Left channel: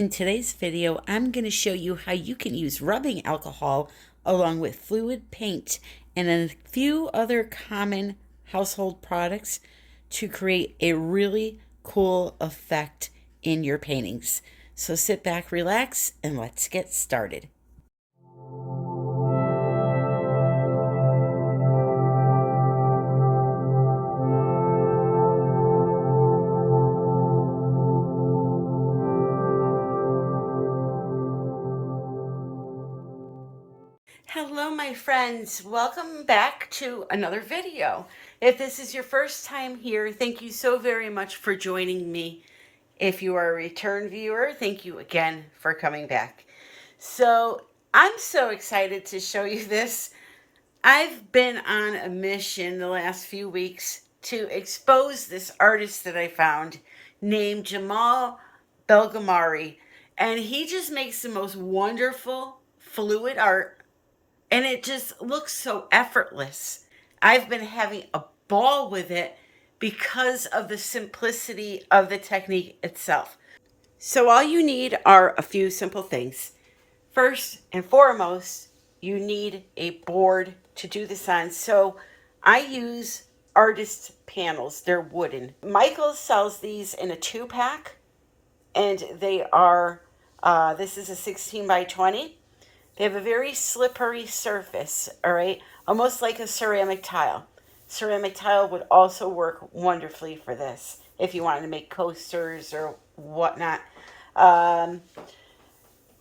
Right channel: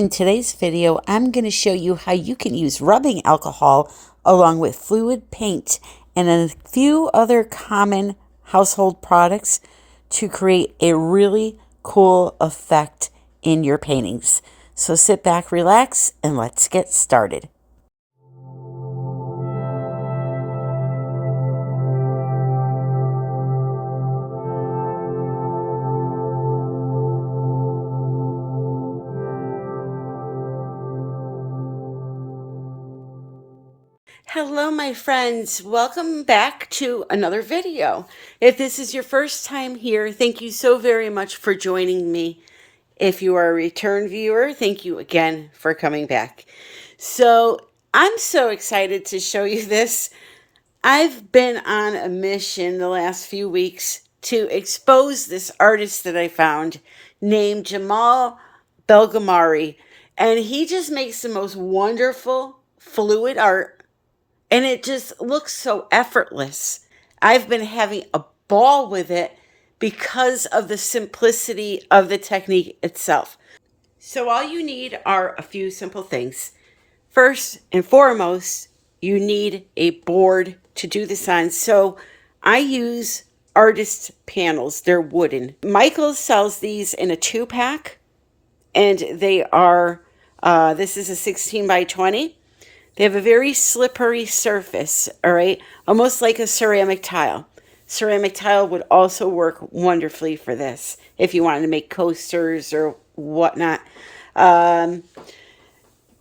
In today's video, I'm going to show you how you can use rubbing alcohol along with fluid paint and a few other common household products to create a really cool effect in your paintings. So sit back, relax, and let's get started. Hello, my friends. Welcome back to another video. If this is your first time here, thank you so very much for joining me. If you are a return viewer, thank you again for coming back. So I'm so excited to show you this. I've been on a mission the last few weeks to expose this artist that I found named Jamal Belgamari, and he just makes the most wonderful fluid art. And it just looks so effortless. I've been having a ball with it because of the simplicity of the technique itself. So all you need are a few simple things. First and foremost, you need a board to do this on. So I use artist panels. They're wooden. Michaels sells these in a 2-pack, and they are, this is a 16 by 20. They have a very slippery surface, all right? Almost like a ceramic tile. Ceramic tile would also work wonderfully for this if you wanted to make coasters or whatnot.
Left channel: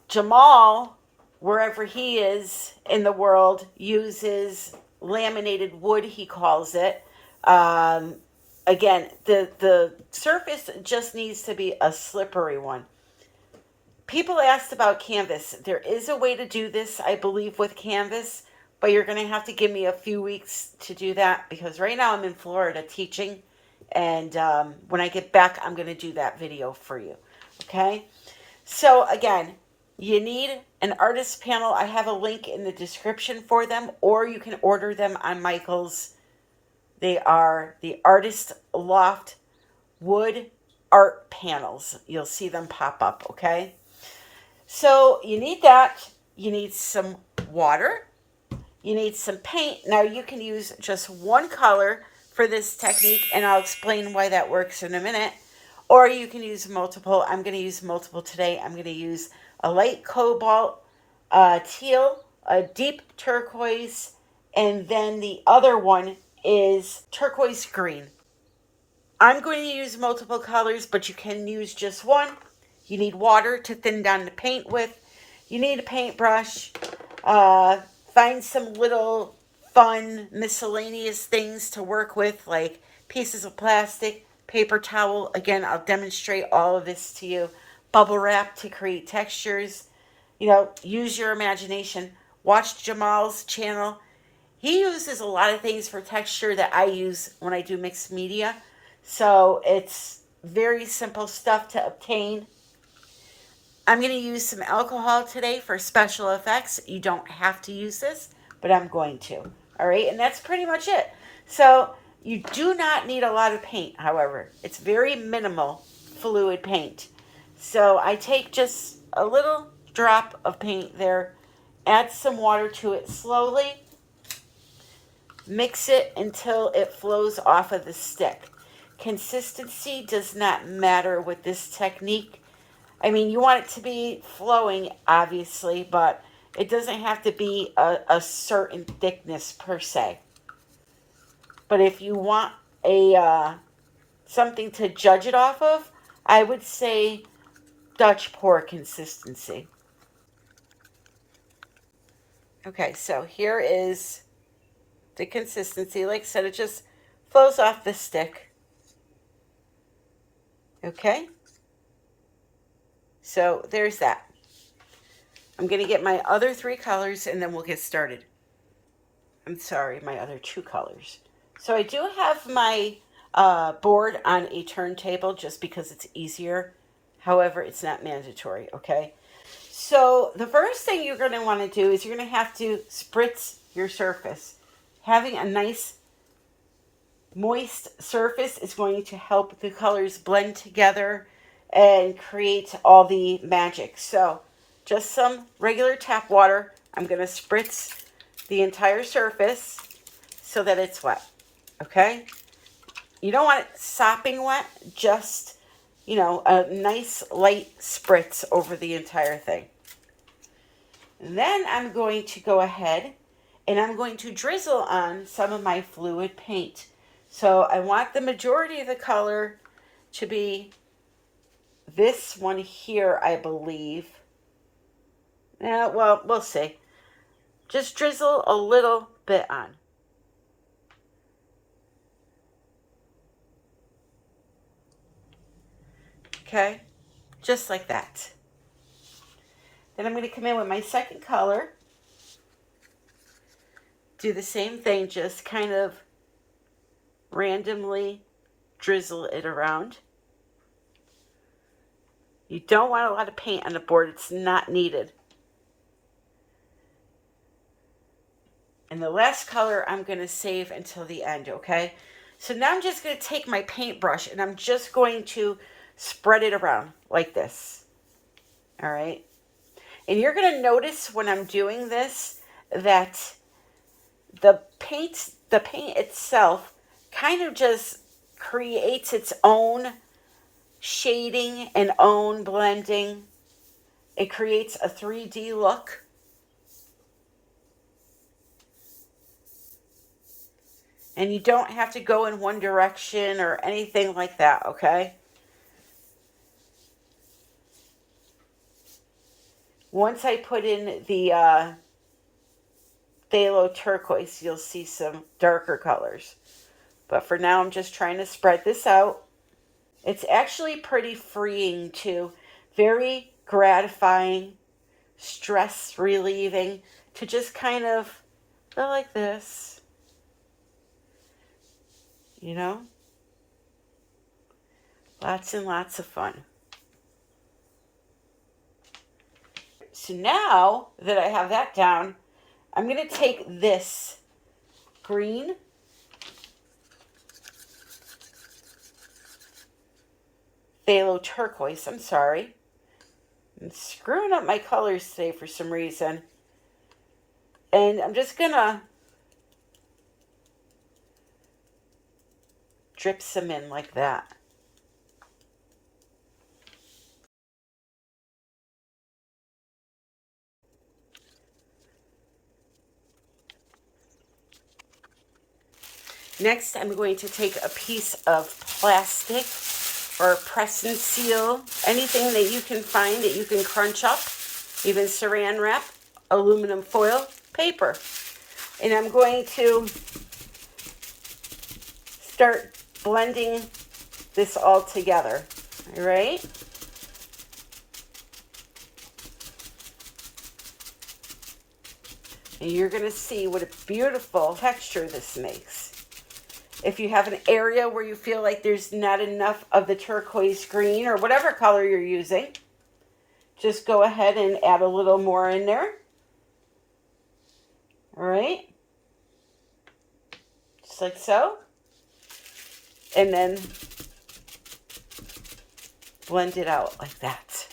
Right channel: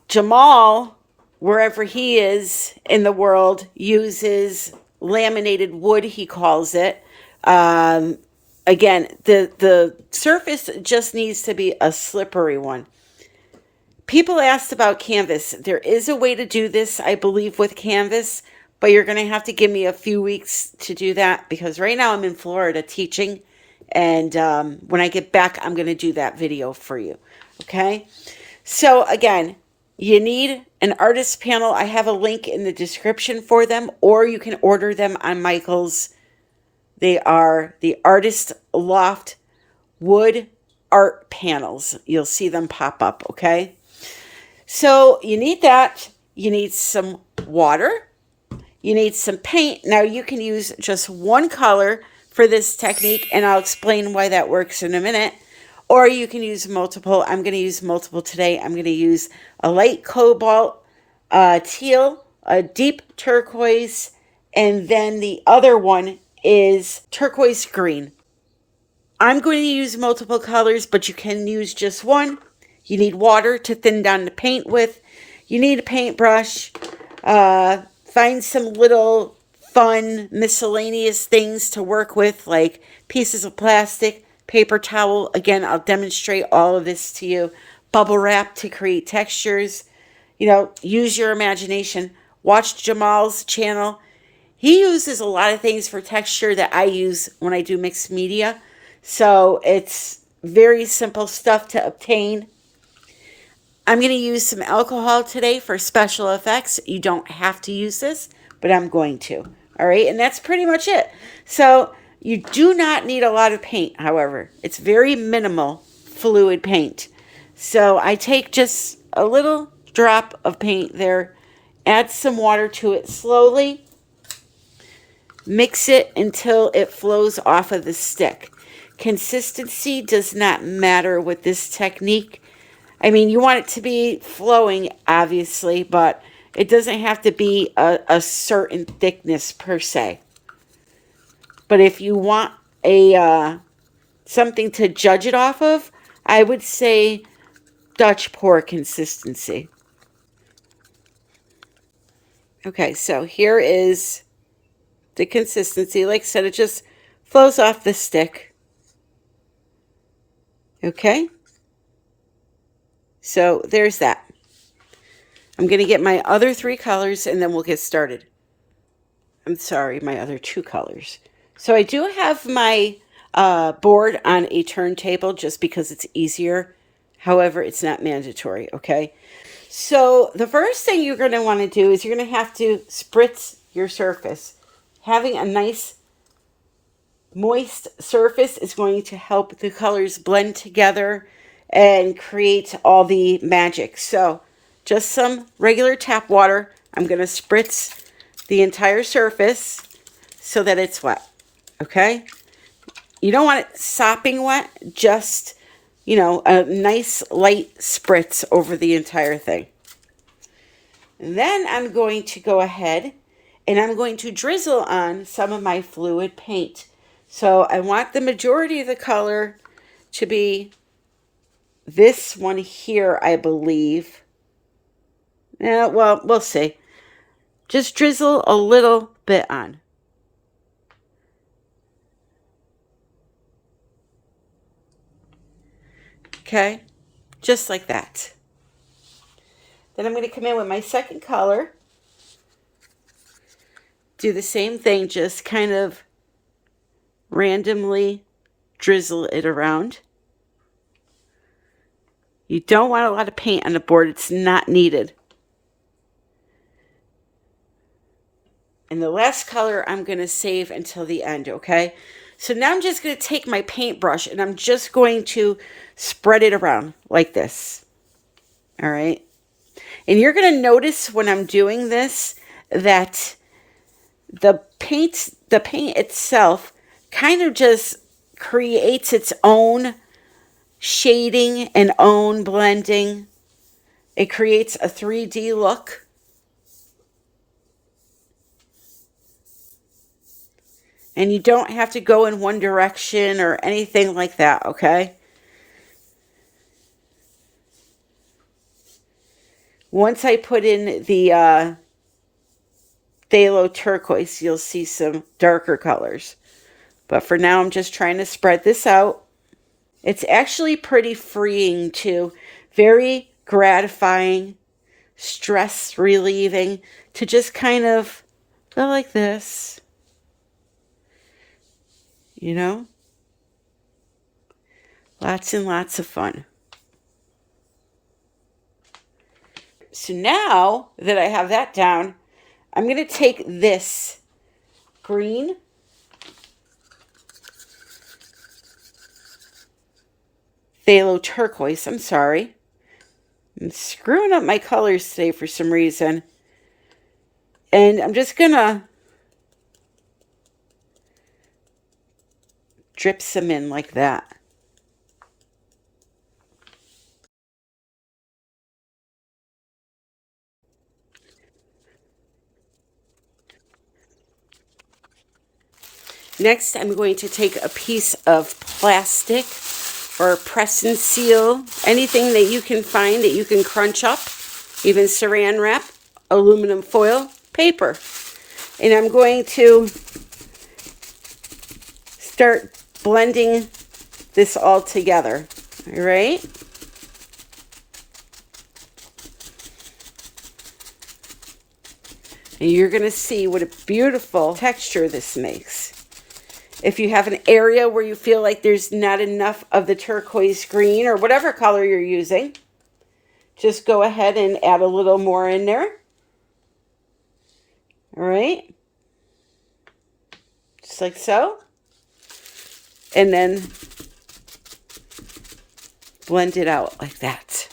Jamal, wherever he is in the world, uses laminated wood, he calls it. Again, the surface just needs to be a slippery one. People asked about canvas. There is a way to do this, I believe, with canvas, but you're going to have to give me a few weeks to do that because right now I'm in Florida teaching, and when I get back, I'm going to do that video for you, okay? So again, you need an artist panel. I have a link in the description for them, or you can order them on Michaels. They are the Artist Loft wood art panels. You'll see them pop up, okay? So you need that. You need some water. You need some paint. Now you can use just one color for this technique, and I'll explain why that works in a minute. Or you can use multiple. I'm going to use multiple today. I'm going to use a light cobalt, teal, a deep turquoise, and then the other one is turquoise green. I'm going to use multiple colors, but you can use just one. You need water to thin down the paint with. You need a paintbrush. Find some little fun miscellaneous things to work with, like pieces of plastic, paper towel. Again, I'll demonstrate all of this to you. Bubble wrap to create textures. You know, use your imagination. Watch Jamal's channel. He uses a lot of things for texture that I use when I do mixed media. So it's very simple stuff to obtain. I'm going to use some alcohol today for special effects. You don't have to use this, but I'm going to. All right, and that's pretty much it. So you do not need a lot of paint, however. It's very minimal fluid paint. So I take just a little drop of paint there, add some water to it slowly, mix it until it flows off of the stick. Consistency does not matter with this technique. I mean, you want it to be flowing, obviously, but it doesn't have to be a certain thickness per se. But if you want a something to judge it off of, I would say Dutch pour consistency. Okay, so here is the consistency. Like I said, it just flows off the stick. Okay. So there's that. I'm going to get my other 3 colors and then we'll get started. I'm sorry, my other 2 colors. So I do have my board on a turntable just because it's easier. However, it's not mandatory, okay? So the first thing you're going to want to do is you're going to have to spritz your surface. Having a nice moist surface is going to help the colors blend together and create all the magic. So just some regular tap water. I'm going to spritz the entire surface so that it's wet. Okay? You don't want it sopping wet, just, you know, a nice light spritz over the entire thing. And then I'm going to go ahead and I'm going to drizzle on some of my fluid paint. So I want the majority of the color to be this one here, I believe. Yeah, well, we'll see. Just drizzle a little bit on. Okay, just like that. Then I'm going to come in with my second color. Do the same thing, just kind of randomly drizzle it around. You don't want a lot of paint on the board. It's not needed. And the last color I'm going to save until the end, okay? So now I'm just going to take my paintbrush and I'm just going to spread it around like this. All right? And you're going to notice when I'm doing this that the paint itself kind of just creates its own shading and own blending. It creates a 3D look. And you don't have to go in one direction or anything like that, okay? Once I put in the phthalo turquoise, you'll see some darker colors. But for now, I'm just trying to spread this out. It's actually pretty freeing too. Very gratifying, stress relieving to just kind of go like this. You know? Lots and lots of fun. So now that I have that down, I'm going to take this green phthalo turquoise, I'm sorry. I'm screwing up my colors today for some reason. And I'm just going to drip some in like that. Next, I'm going to take a piece of plastic or press and seal, anything that you can find that you can crunch up, even saran wrap, aluminum foil, paper. And I'm going to start blending this all together, all right? And you're going to see what a beautiful texture this makes. If you have an area where you feel like there's not enough of the turquoise green or whatever color you're using, just go ahead and add a little more in there. All right. Just like so. And then blend it out like that.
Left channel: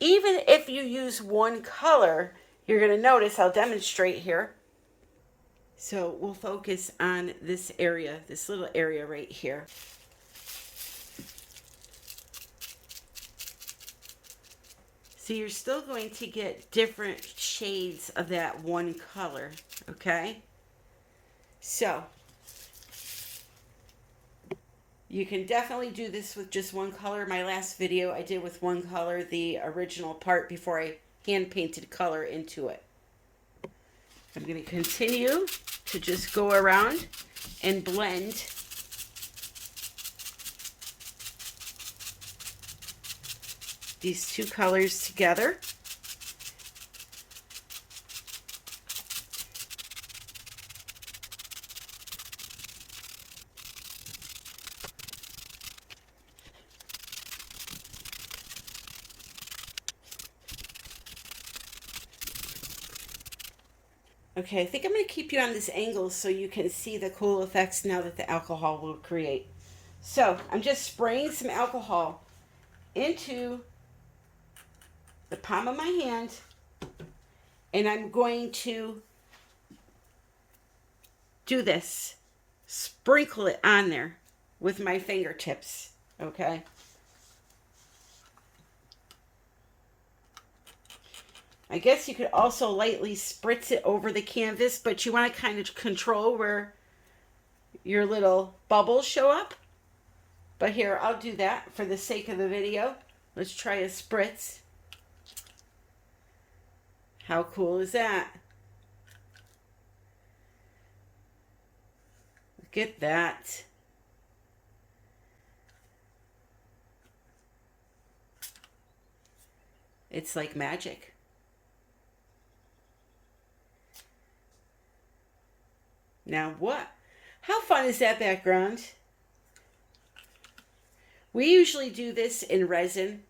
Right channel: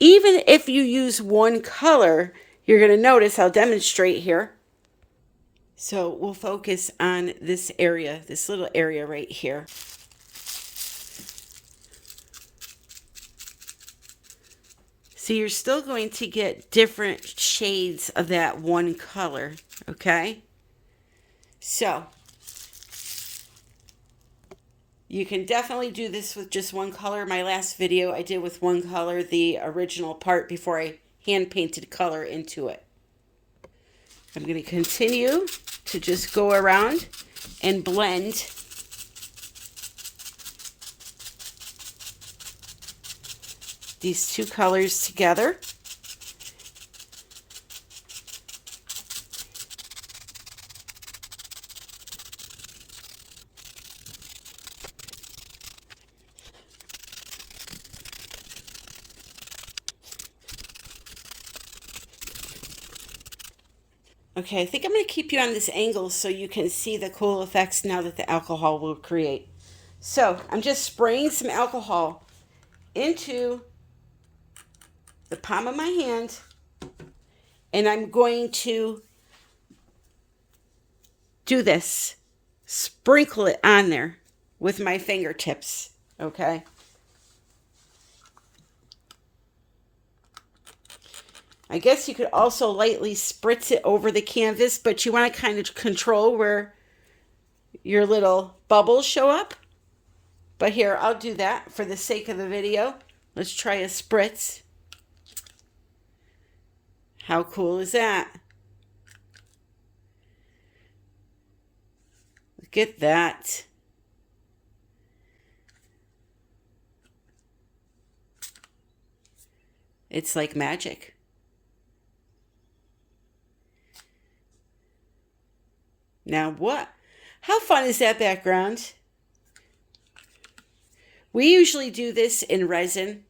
Even if you use one color, you're going to notice, I'll demonstrate here. So we'll focus on this area, this little area right here. So you're still going to get different shades of that one color, okay? So you can definitely do this with just one color. My last video I did with one color, the original part, before I hand painted color into it. I'm going to continue to just go around and blend these two colors together. Okay, I think I'm going to keep you on this angle so you can see the cool effects now that the alcohol will create. So I'm just spraying some alcohol into the palm of my hand, and I'm going to do this, sprinkle it on there with my fingertips, okay? I guess you could also lightly spritz it over the canvas, but you want to kind of control where your little bubbles show up. But here, I'll do that for the sake of the video. Let's try a spritz. How cool is that? Look at that. It's like magic. Now what? How fun is that background? We usually do this in resin.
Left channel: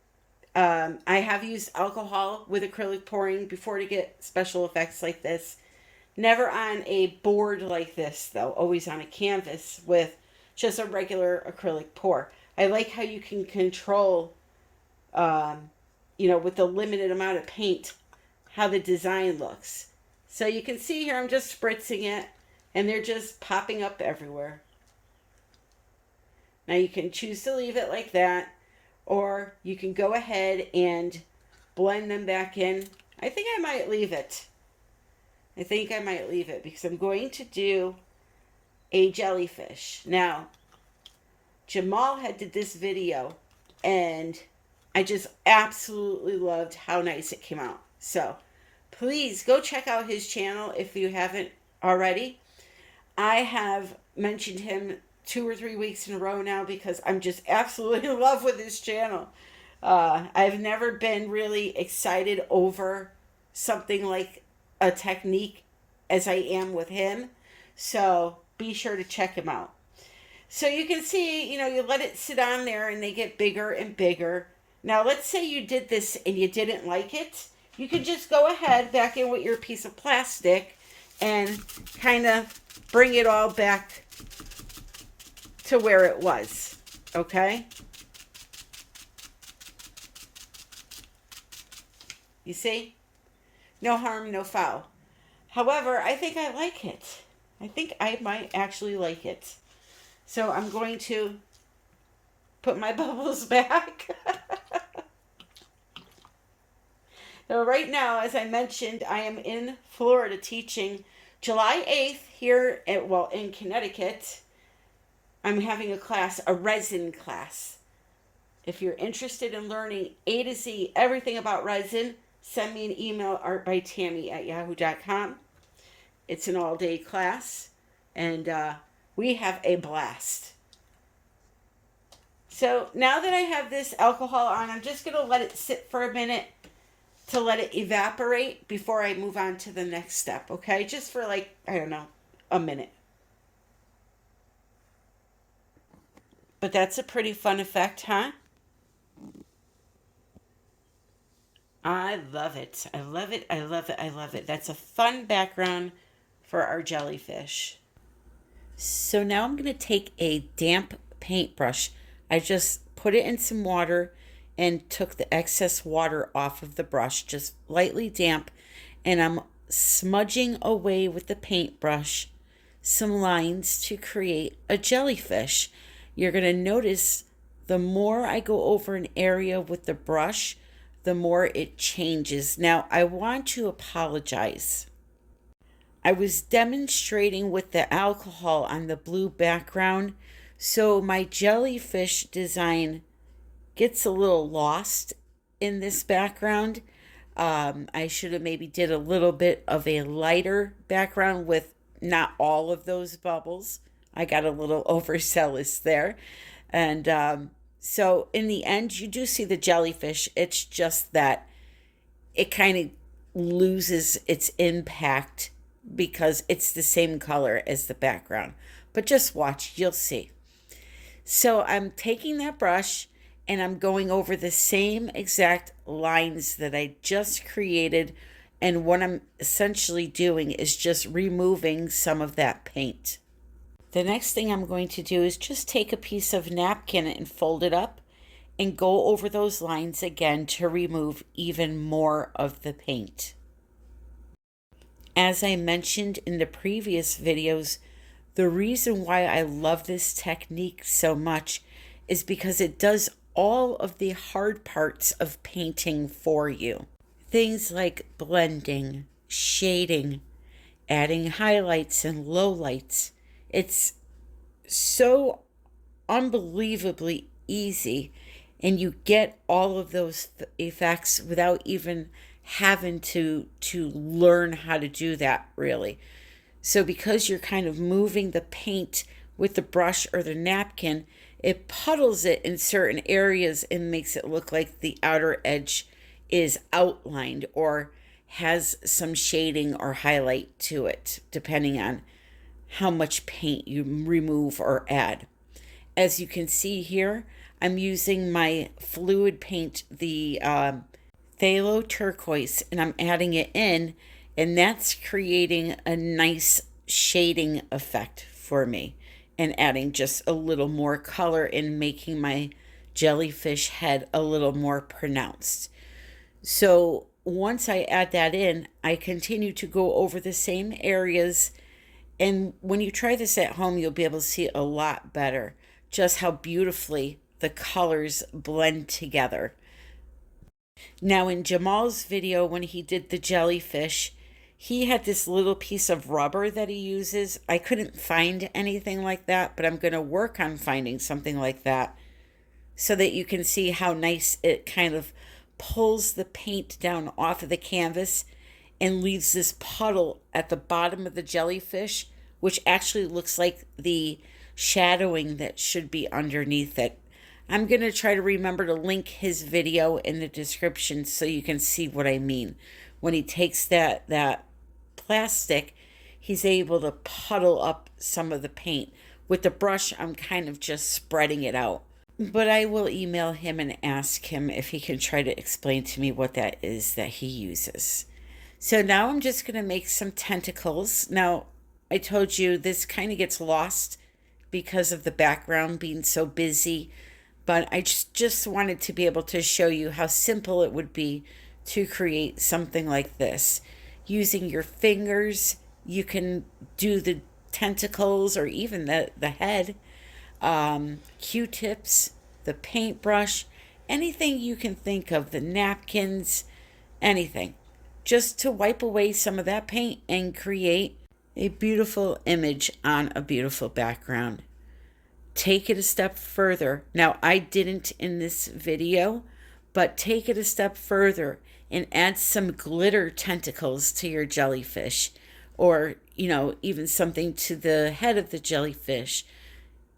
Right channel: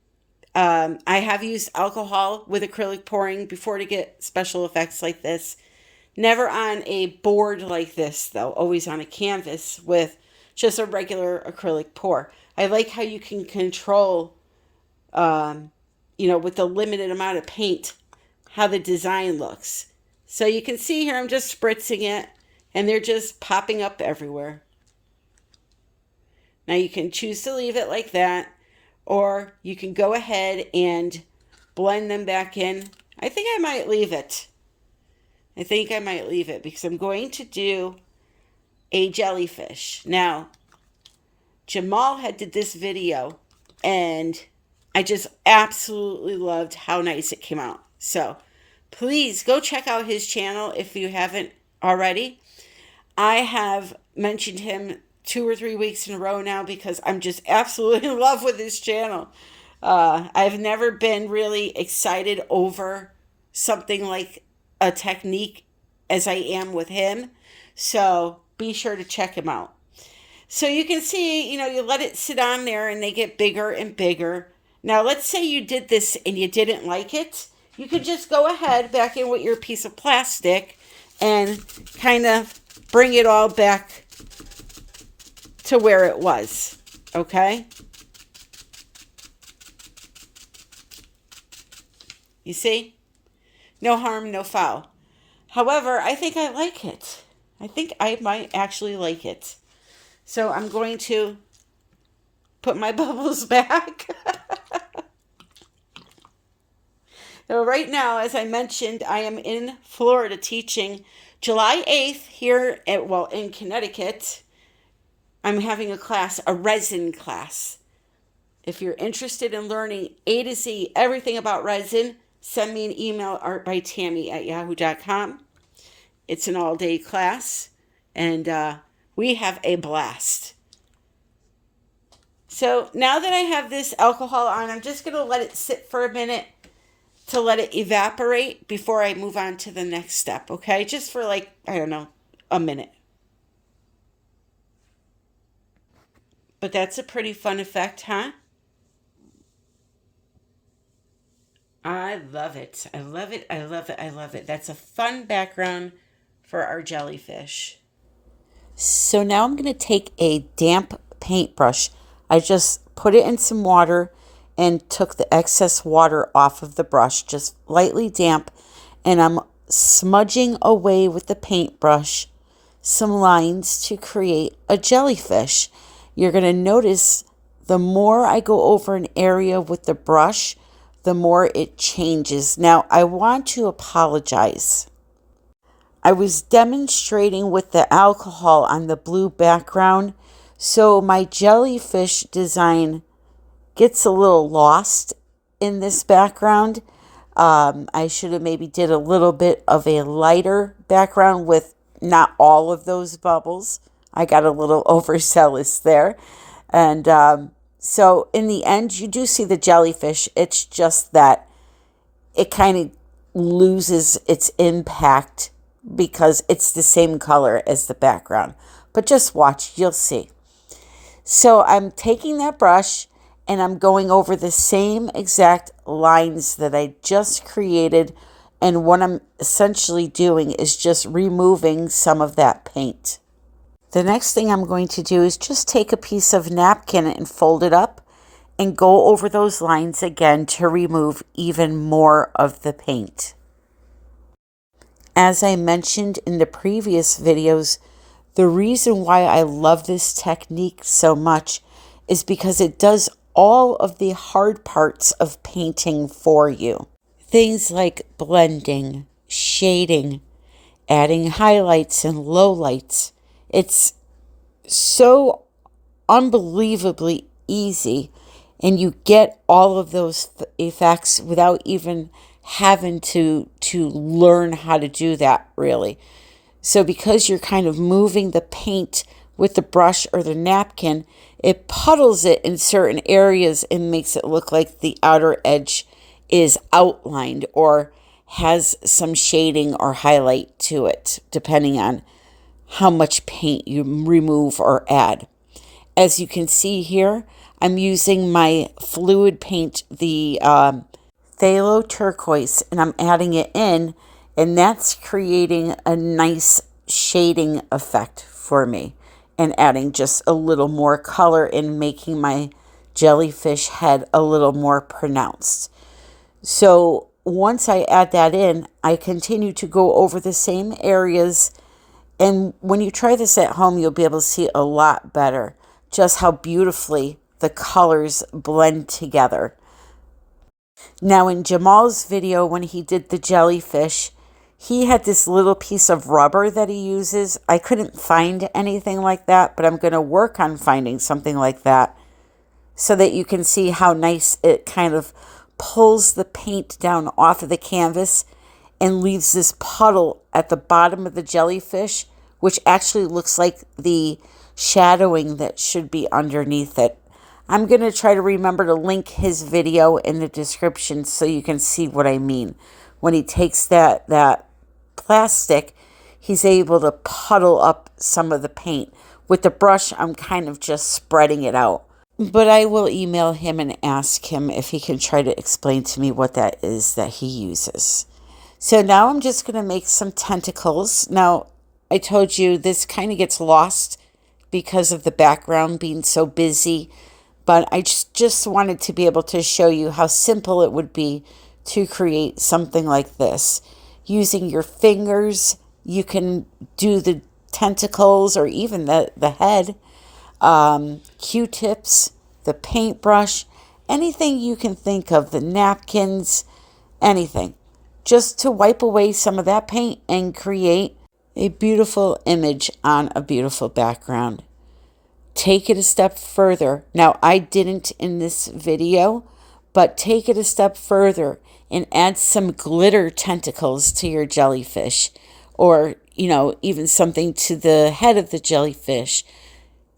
I have used alcohol with acrylic pouring before to get special effects like this. Never on a board like this, though. Always on a canvas with just a regular acrylic pour. I like how you can control, with the limited amount of paint, how the design looks. So you can see here I'm just spritzing it, and they're just popping up everywhere. Now you can choose to leave it like that, or you can go ahead and blend them back in. I think I might leave it. Because I'm going to do a jellyfish. Now, Jamal had did this video, and I just absolutely loved how nice it came out. So please go check out his channel if you haven't already. I have mentioned him 2 or 3 weeks in a row now because I'm just absolutely in love with his channel. I've never been really excited over something like a technique as I am with him. So be sure to check him out. So you can see, you let it sit on there and they get bigger and bigger. Now, let's say you did this and you didn't like it. You could just go ahead back in with your piece of plastic and kind of bring it all back to where it was, okay? You see? No harm, no foul. However, I think I like it. I think I might actually like it. So I'm going to put my bubbles back. So right now, as I mentioned, I am in Florida teaching July 8th here in Connecticut. I'm having a class, a resin class. If you're interested in learning A to Z, everything about resin, send me an email, artbytammy@yahoo.com. It's an all-day class, and we have a blast. So now that I have this alcohol on, I'm just going to let it sit for a minute to let it evaporate before I move on to the next step, okay? Just for a minute. But that's a pretty fun effect, huh? I love it. I love it. I love it. I love it. That's a fun background for our jellyfish. So now I'm going to take a damp paintbrush. I just put it in some water and took the excess water off of the brush, just lightly damp. And I'm smudging away with the paintbrush some lines to create a jellyfish. You're going to notice the more I go over an area with the brush, the more it changes. Now, I want to apologize. I was demonstrating with the alcohol on the blue background, so my jellyfish design gets a little lost in this background. I should have maybe did a little bit of a lighter background with not all of those bubbles. I got a little overzealous there. And so in the end, you do see the jellyfish. It's just that it kind of loses its impact because it's the same color as the background. But just watch, you'll see. So I'm taking that brush and I'm going over the same exact lines that I just created. And what I'm essentially doing is just removing some of that paint. The next thing I'm going to do is just take a piece of napkin and fold it up and go over those lines again to remove even more of the paint. As I mentioned in the previous videos, the reason why I love this technique so much is because it does all of the hard parts of painting for you. Things like blending, shading, adding highlights and lowlights. It's so unbelievably easy, and you get all of those effects without even having to learn how to do that, really. So because you're kind of moving the paint with the brush or the napkin, it puddles it in certain areas and makes it look like the outer edge is outlined or has some shading or highlight to it, depending on how much paint you remove or add. As you can see here, I'm using my fluid paint, the Phthalo Turquoise, and I'm adding it in, and that's creating a nice shading effect for me and adding just a little more color and making my jellyfish head a little more pronounced. So once I add that in, I continue to go over the same areas, and when you try this at home, you'll be able to see a lot better just how beautifully the colors blend together. Now in Jamal's video, when he did the jellyfish, he had this little piece of rubber that he uses. I couldn't find anything like that, but I'm going to work on finding something like that so that you can see how nice it kind of pulls the paint down off of the canvas and leaves this puddle at the bottom of the jellyfish, which actually looks like the shadowing that should be underneath it. I'm going to try to remember to link his video in the description so you can see what I mean. When he takes that plastic, he's able to puddle up some of the paint. With the brush, I'm kind of just spreading it out. But I will email him and ask him if he can try to explain to me what that is that he uses. So now I'm just going to make some tentacles. Now, I told you this kind of gets lost because of the background being so busy, but I just wanted to be able to show you how simple it would be to create something like this. Using your fingers, you can do the tentacles or even the head, Q-tips, the paintbrush, anything you can think of, the napkins, anything. Just to wipe away some of that paint and create a beautiful image on a beautiful background. Take it a step further. Now, I didn't in this video, but take it a step further and add some glitter tentacles to your jellyfish, or, even something to the head of the jellyfish.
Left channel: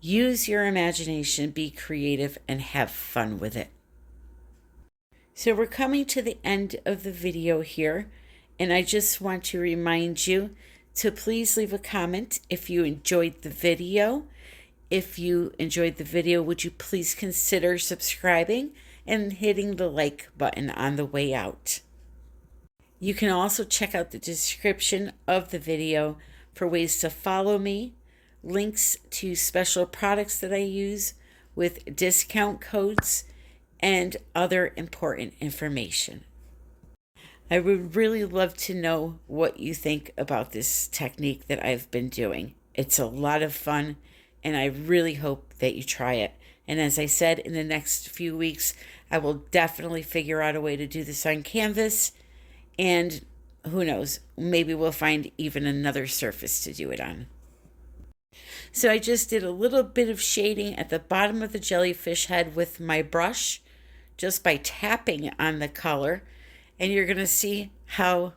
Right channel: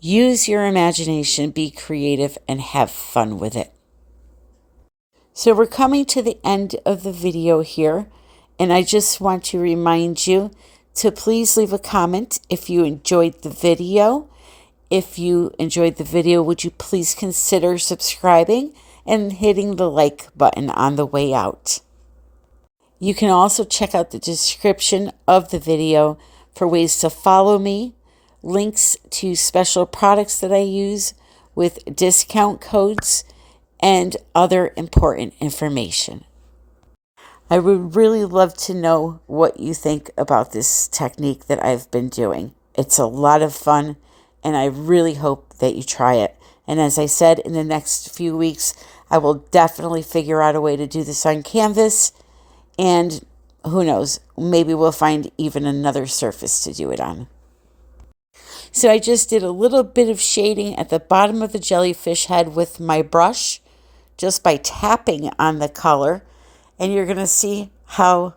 Use your imagination, be creative, and have fun with it. So we're coming to the end of the video here, and I just want to remind you to please leave a comment if you enjoyed the video. If you enjoyed the video, would you please consider subscribing and hitting the like button on the way out. You can also check out the description of the video for ways to follow me, links to special products that I use with discount codes, and other important information. I would really love to know what you think about this technique that I've been doing. It's a lot of fun, and I really hope that you try it. And as I said, in the next few weeks, I will definitely figure out a way to do this on canvas, and who knows, maybe we'll find even another surface to do it on. So I just did a little bit of shading at the bottom of the jellyfish head with my brush, just by tapping on the color, and you're going to see how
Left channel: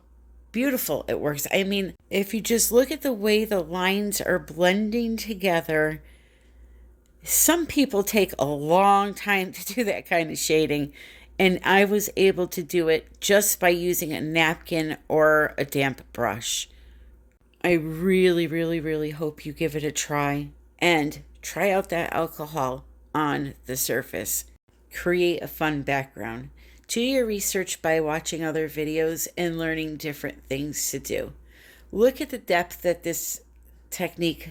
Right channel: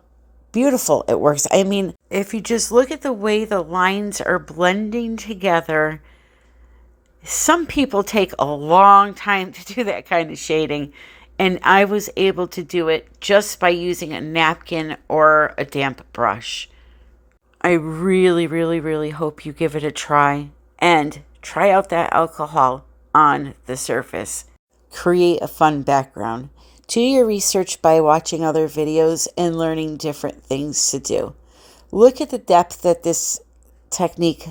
beautiful it works. I mean, if you just look at the way the lines are blending together, some people take a long time to do that kind of shading, and I was able to do it just by using a napkin or a damp brush. I really, really, really hope you give it a try, and try out that alcohol on the surface. Create a fun background. Do your research by watching other videos and learning different things to do. Look at the depth that this technique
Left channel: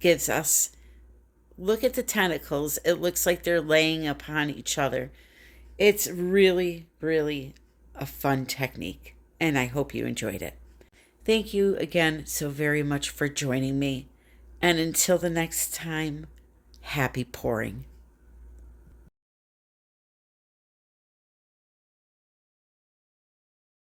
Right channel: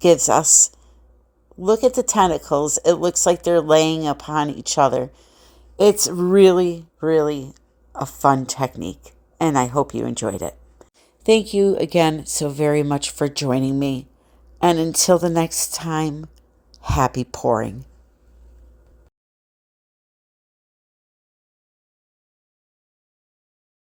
gives us. Look at the tentacles. It looks like they're laying upon each other. It's really, really a fun technique, and I hope you enjoyed it. Thank you again so very much for joining me. And until the next time, happy pouring.